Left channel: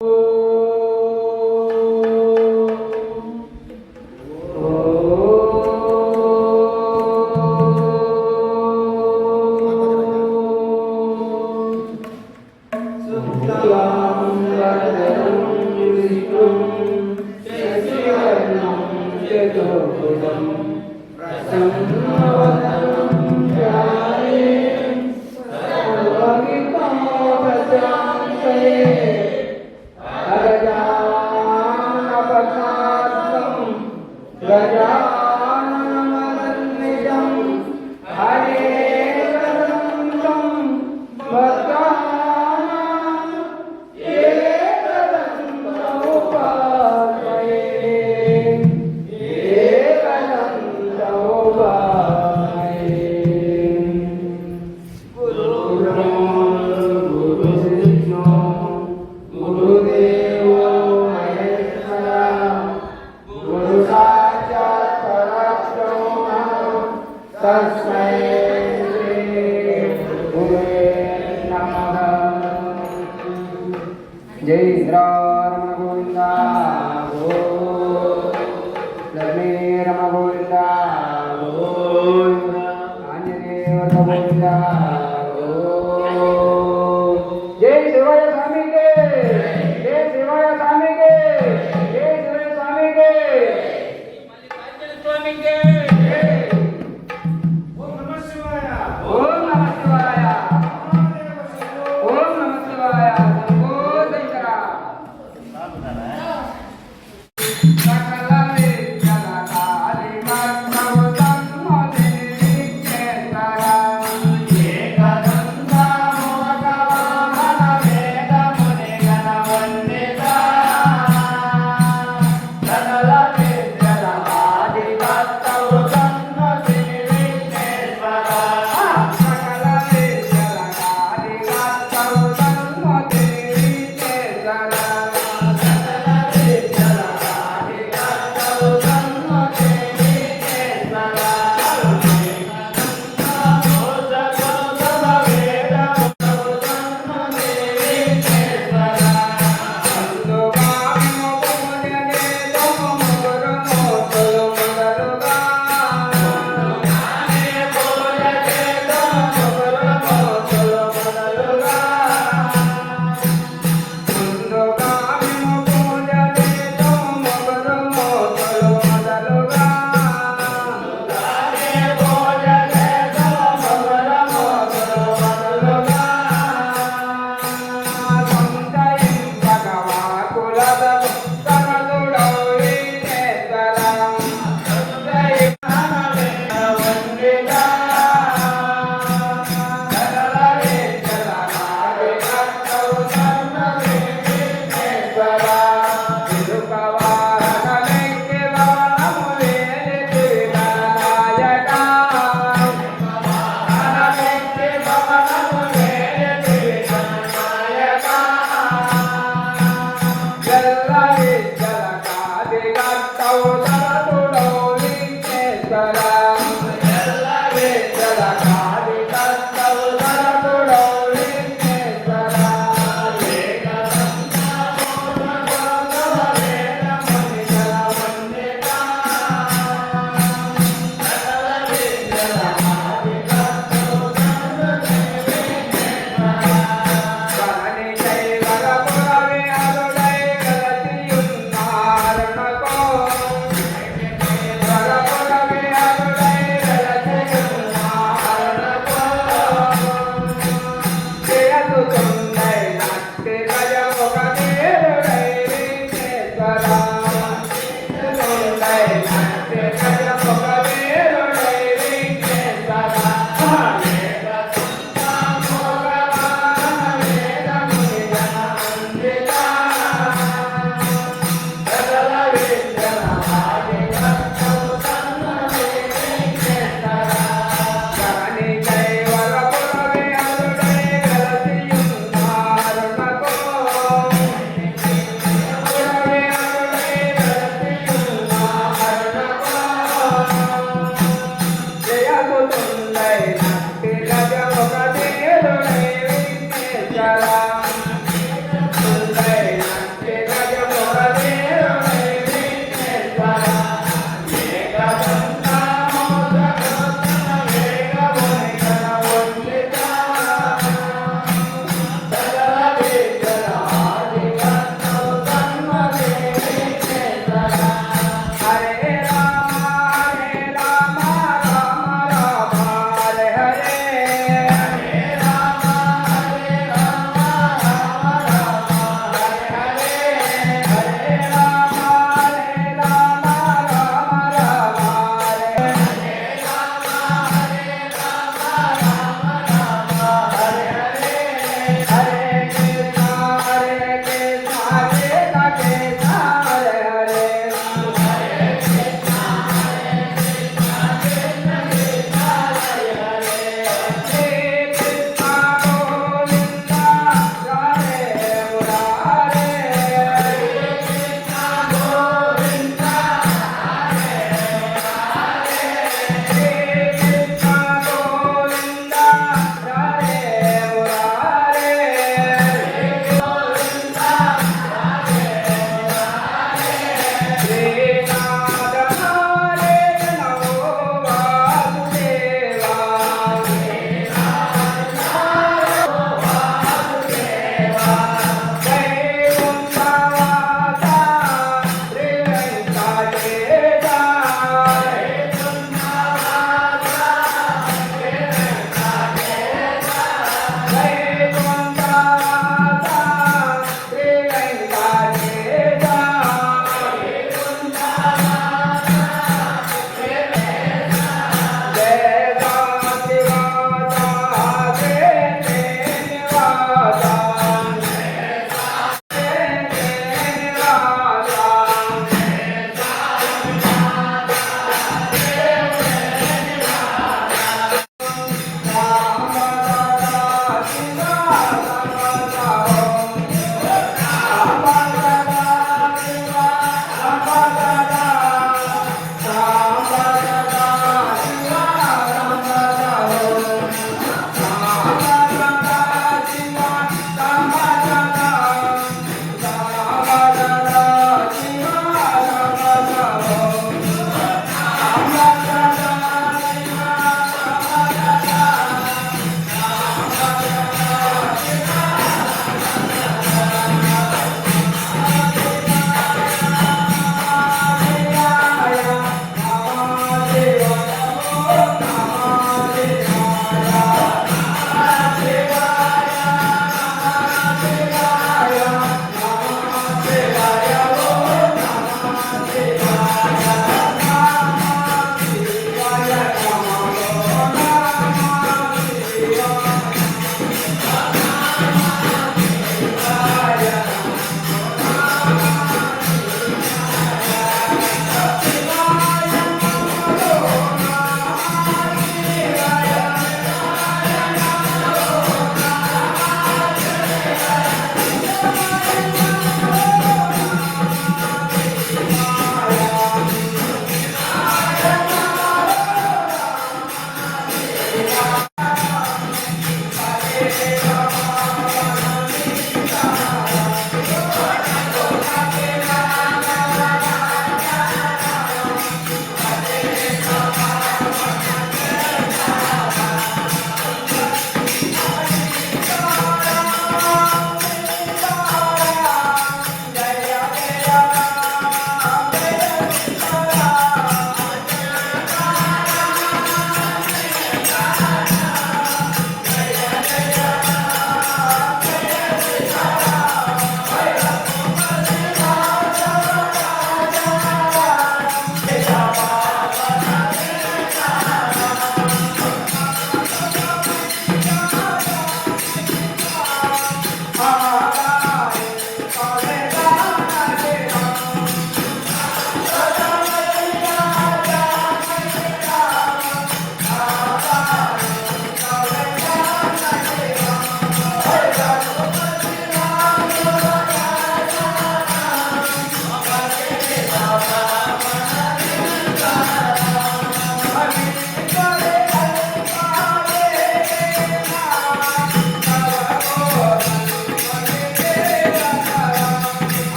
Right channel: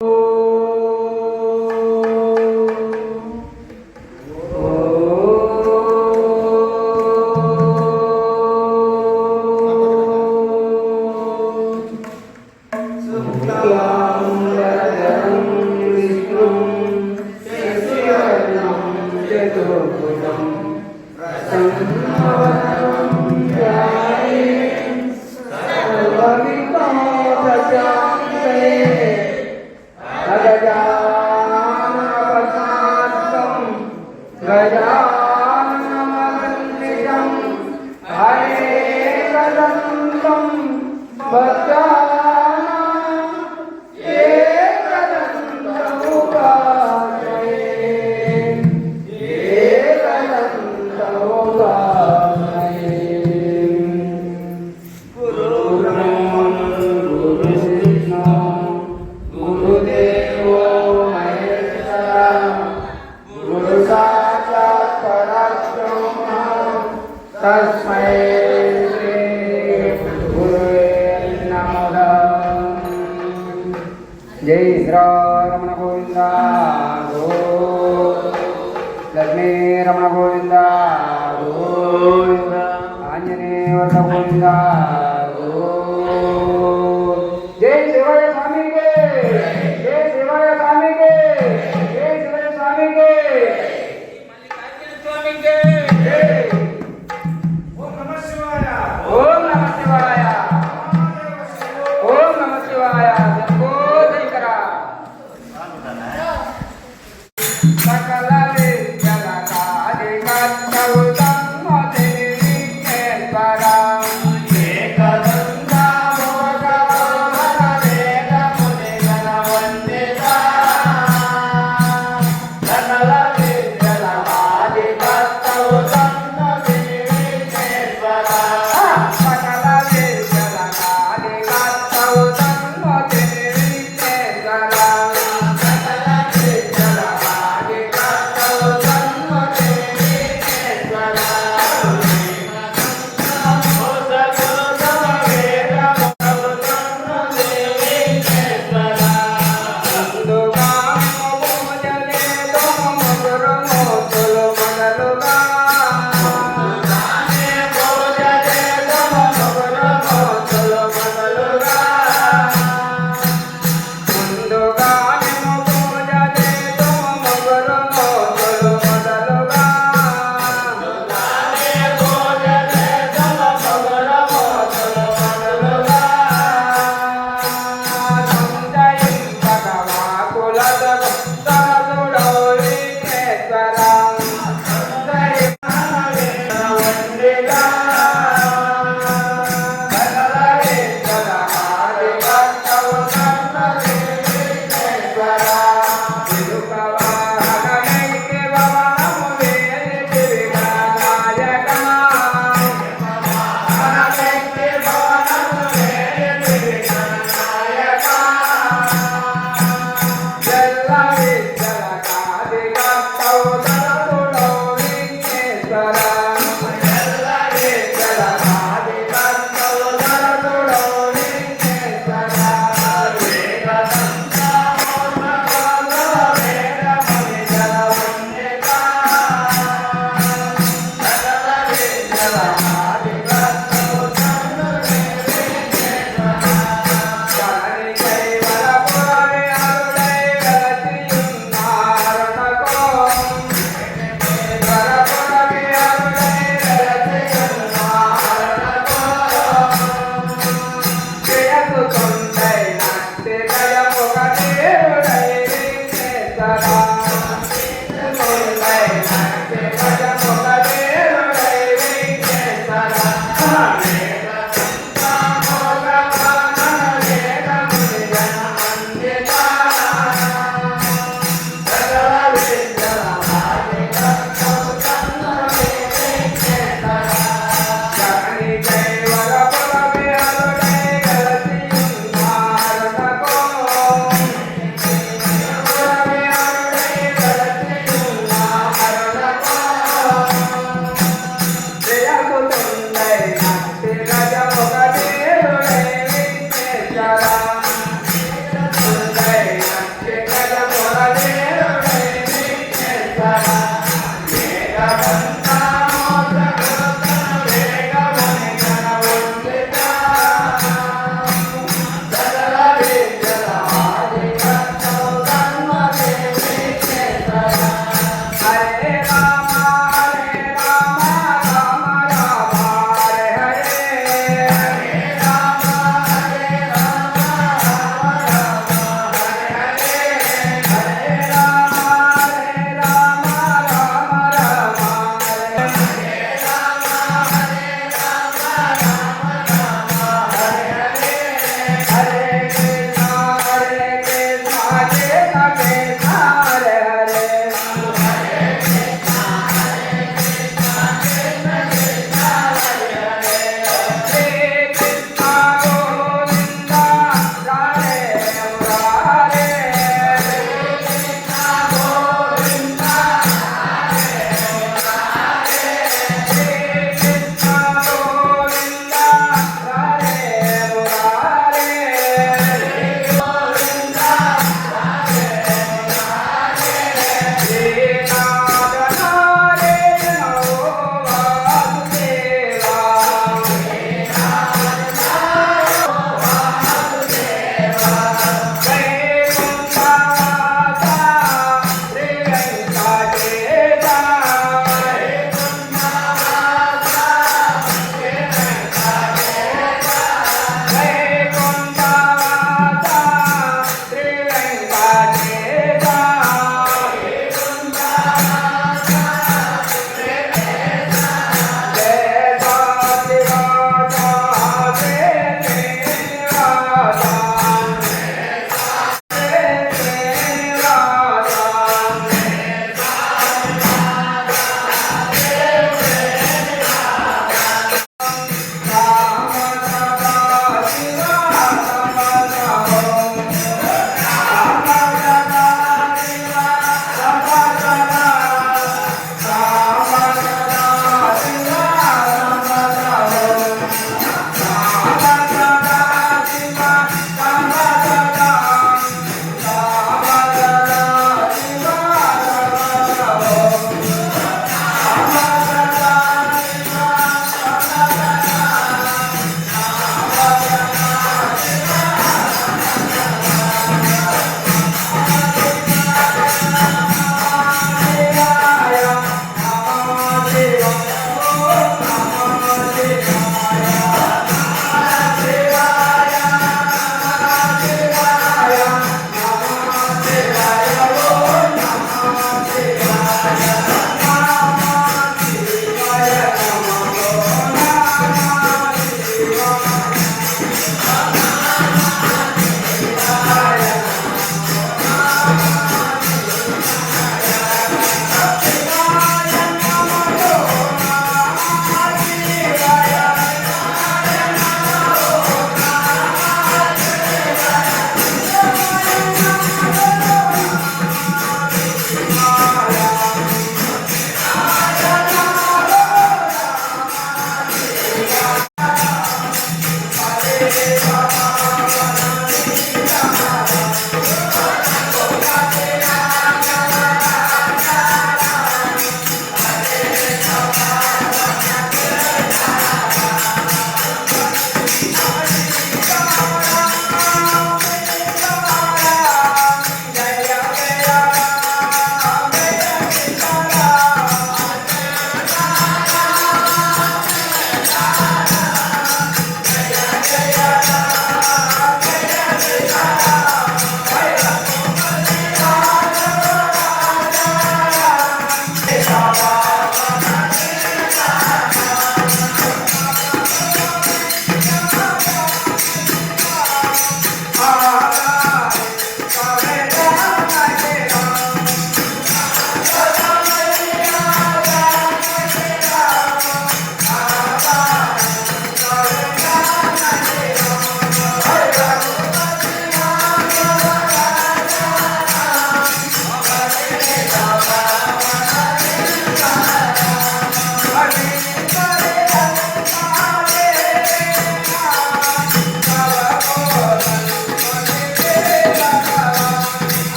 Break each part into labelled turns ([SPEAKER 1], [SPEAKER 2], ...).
[SPEAKER 1] Oh. Amen.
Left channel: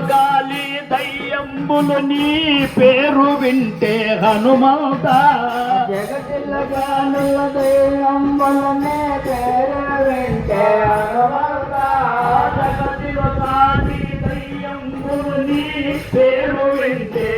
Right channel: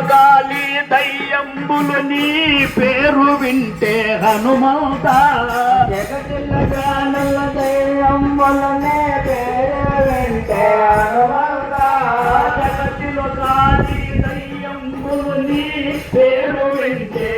[SPEAKER 1] గాలి దయ్యంబులు నీ పేరు వింటే హనుమాత. జగతిలో దయ్యంబులు నీ పేరు వింటే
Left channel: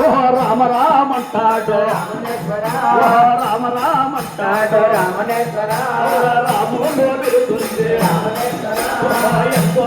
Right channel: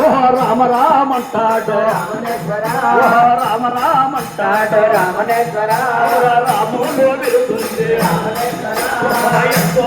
[SPEAKER 1] ఓహో రామ రామ అంటాడు. ఓహో రామ రామ అంటాడు. రాముడు వెళ్తుంది ఎంతో